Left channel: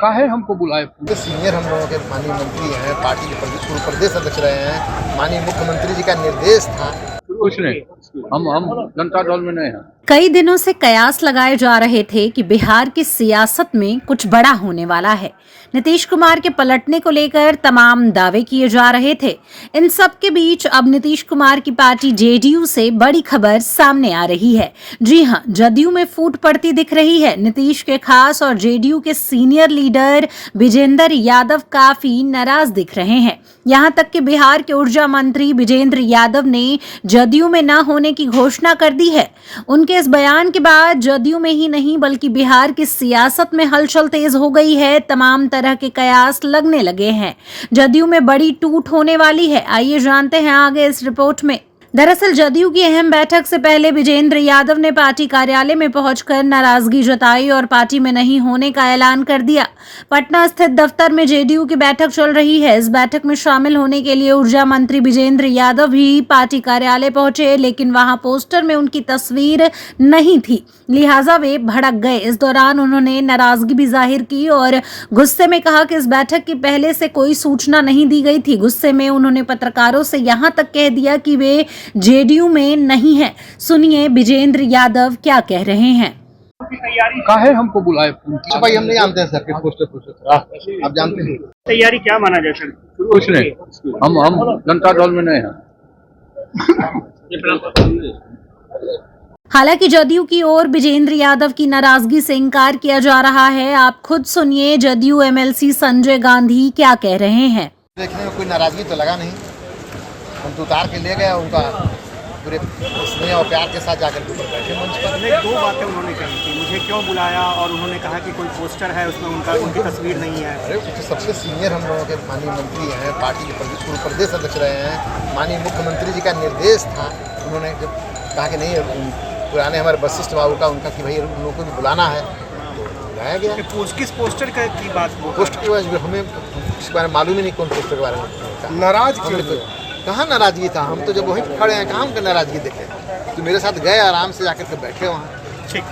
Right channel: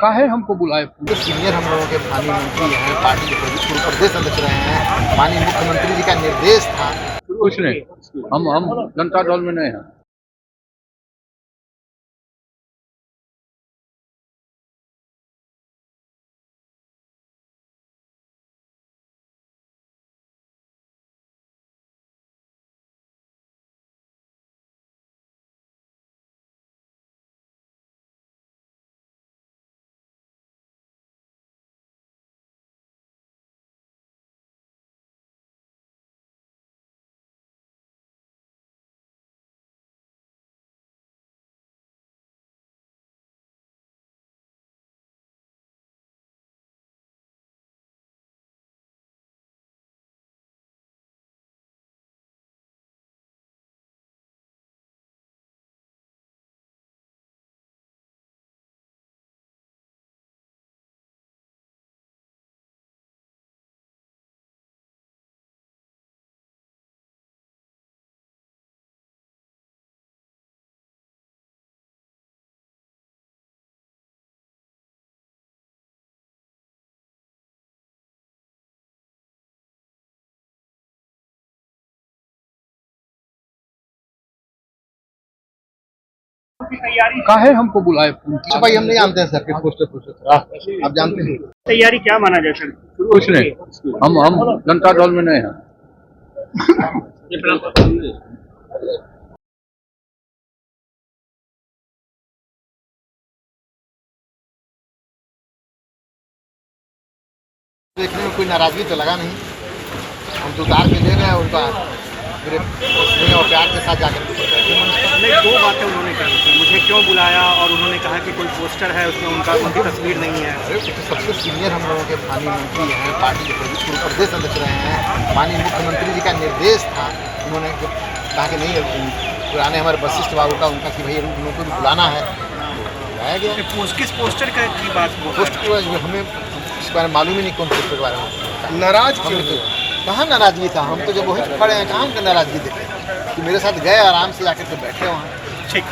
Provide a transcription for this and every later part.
काहे हमको बुलाए? जो सीनियर हम लोगों के माननीय मंत्री हैं, पार्टी के पूर्व प्रदेश अध्यक्ष रहे हैं, माननीय मुख्यमंत्री जी का निर्देश था। कुछ नहीं, हम जनता दल में नहीं हैं। कई दिनों से कयास लगाए जा रहे थे कि बिहार की सियासत में कुछ बड़ा होने वाला है। नीतीश कुमार के पलटने को लेकर तमाम दावे किए जा रहे थे। इन सब के बीच अब नीतीश कुमार की पार्टी जेडीयू से बड़ी खबर सामने आ रही है। जी हां, जदयू में फूट पड़ती दिख रही है। नीतीश के खास और जेडीयू के सीनियर लीडर विजेंद्र यादव काफी नाराज दिख रहे हैं। यहां तक कि बिहार के ऊर्जा मंत्री विजेंद्र यादव ने जदयू में न होने की घोषणा कर दी है। उनके इस बयान के बाद जदयू में ही नहीं बल्कि बिहार की सियासत में हलचल तेज हो गई है। तमाम तरह के कयास लगने लगे हैं। जदयू में बड़ी टूट होने वाली है। आइए जानते हैं आगे इस रिपोर्ट में। दरअसल जदयू की अहम बैठक से पहले विजेंद्र यादव ने पार्टी कार्यालय में पहुंचकर नाराजगी जताई और पार्टी में नहीं होने का ऐलान कर दिया। पटना स्थित दफ्तर में जेडीयू की बैठक चल रही है। इस बैठक में शामिल होने के लिए ऊर्जा मंत्री विजेंद्र यादव भी पार्टी कार्यालय पहुंचे, लेकिन वहां पोस्टर में उनकी तस्वीर नहीं थी, लिहाजा वे भड़क गए। इस दौरान उन्होंने नाराजगी भी जाहिर की और गुस्से में कहा कि इस बैठक की पहले से कोई सूचना नहीं दी गई थी। गुस्से में उन्होंने पत्रकारों से यहां तक कह दिया कि वे जेडीयू में नहीं है। सुनिए विजेंद्र यादव क्या कह रहे हैं। काहे हमको बुलाए? भाई हम नहीं जानते हैं सर कि पोस्टर आप जानते हैं। तैयारी क्या माना जाए सर? कुछ नहीं, हम जनता दल में नहीं हैं। हालांकि जदयू की ओर विजेंद्र यादव की नाराजगी से इनकार किया जा रहा है। आप खुद सुनिए जदयू एमएलसी संजय गांधी क्या कह रहे हैं। देखने में कोई नाराजगी तो लगा नहीं। हम तो उतार के ले गए उनका पूरे स्नेह और प्यार के साथ जाकर के बैठे। दो बातें उन्होंने कही थी, मुझे क्यों बुलाया, और उन्होंने कहा कि कोई पोस्टर है उसमें उनकी तस्वीर नहीं है। अरे तो सबसे सीनियर हम लोगों के माननीय मंत्री हैं, पार्टी के पूर्व प्रदेश अध्यक्ष रहे हैं, माननीय मुख्यमंत्री जी का निर्देश था। उन्होंने जब कहा कि नहीं, पुराने हमारे वशिष्ठ बाबू का उनका कि भाई उन लोगों को भी बुलाना है, तो बुलाया गया। किस पोस्टर की बात? पोस्ट हमें इस बारे में मालूम ही नहीं कौन पोस्टर के बारे में। नाराज कहाँ नाराजगी था? हम तो जब वहीं खड़े हैं, कहाँ उनके नाराजगी देखे कि मेरे साथ गए आराम से जाकर के बैठे वहाँ। ठीक,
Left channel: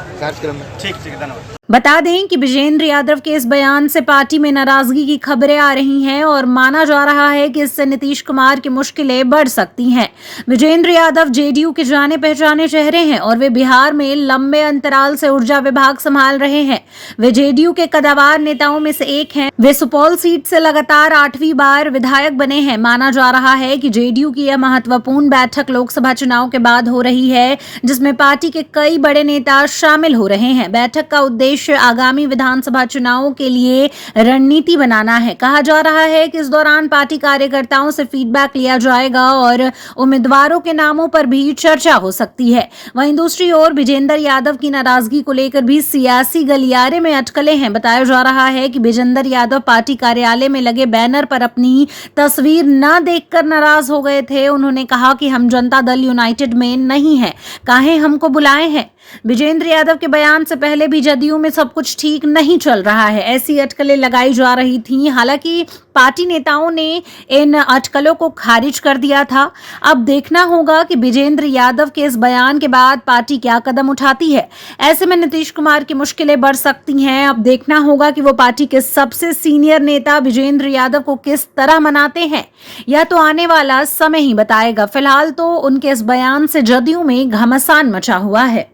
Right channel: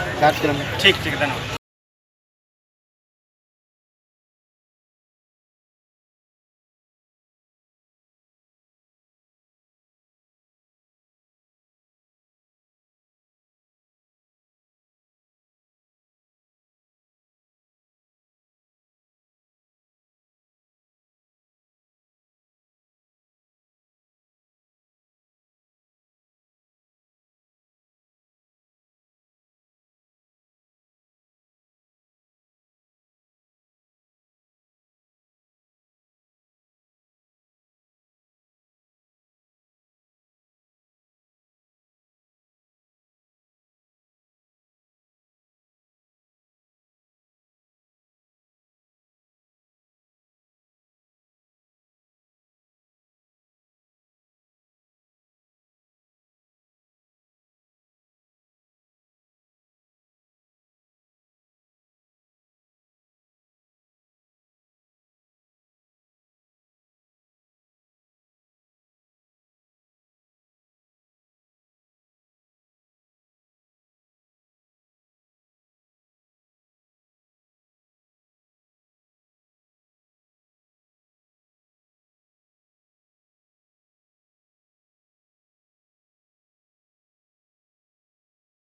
धन्यवाद। बता दें कि विजेंद्र यादव के इस बयान से पार्टी में नाराजगी की खबरें आ रही हैं और माना जा रहा है कि इससे नीतीश कुमार की मुश्किलें बढ़ सकती हैं। विजेंद्र यादव जेडीयू के जाने पहचाने चेहरे हैं और वे बिहार में लंबे अंतराल से ऊर्जा विभाग संभाल रहे हैं। वे जेडीयू के कद्दावर नेताओं में से एक हैं। वे सुपौल सीट से लगातार 8वीं बार विधायक बने हैं। माना जा रहा है कि जेडीयू की यह महत्वपूर्ण बैठक लोकसभा चुनाव के बाद हो रही है, जिसमें पार्टी के कई बड़े नेता शामिल हो रहे हैं। बैठक का उद्देश्य आगामी विधानसभा चुनावों के लिए रणनीति बनाना है। कहा जा रहा है कि इस दौरान पार्टी कार्यकर्ताओं से फीडबैक लिया जाएगा और उम्मीदवारों के नामों पर भी चर्चा हो सकती है। वहीं दूसरी ओर विजेंद्र यादव की नाराजगी को लेकर भी सियासी गलियारे में अटकलें हैं। बताया जा रहा है कि विजेंद्र यादव पार्टी कार्यालय में लगे बैनर पर अपनी तस्वीर न देखकर नाराज हो गए थे। उन्होंने कहा कि हम जनता दल यूनाइटेड में नहीं है, काहे हमको बुलाए हैं। विजेंद्र यादव के बयान से पहले भी जदयू में सब कुछ ठीक नहीं चल रहा है, ऐसी अटकलें लगाई जा रही थीं। हालांकि पार्टी नेताओं ने इन अटकलों को खारिज कर दिया था। अब देखना होगा कि विजेंद्र यादव के इस बयान के बाद पार्टी क्या कदम उठाती है। ऐसे में नीतीश कुमार की मुश्किलें बढ़ सकती हैं। अब देखना होगा कि वो पार्टी के सबसे सीनियर नेता विजेंद्र यादव को किस तरह मनाते हैं। यह तो आने वाला समय ही बताएगा। फिलहाल तो उनके इस बयान से जदयू में घमासान मचा हुआ है।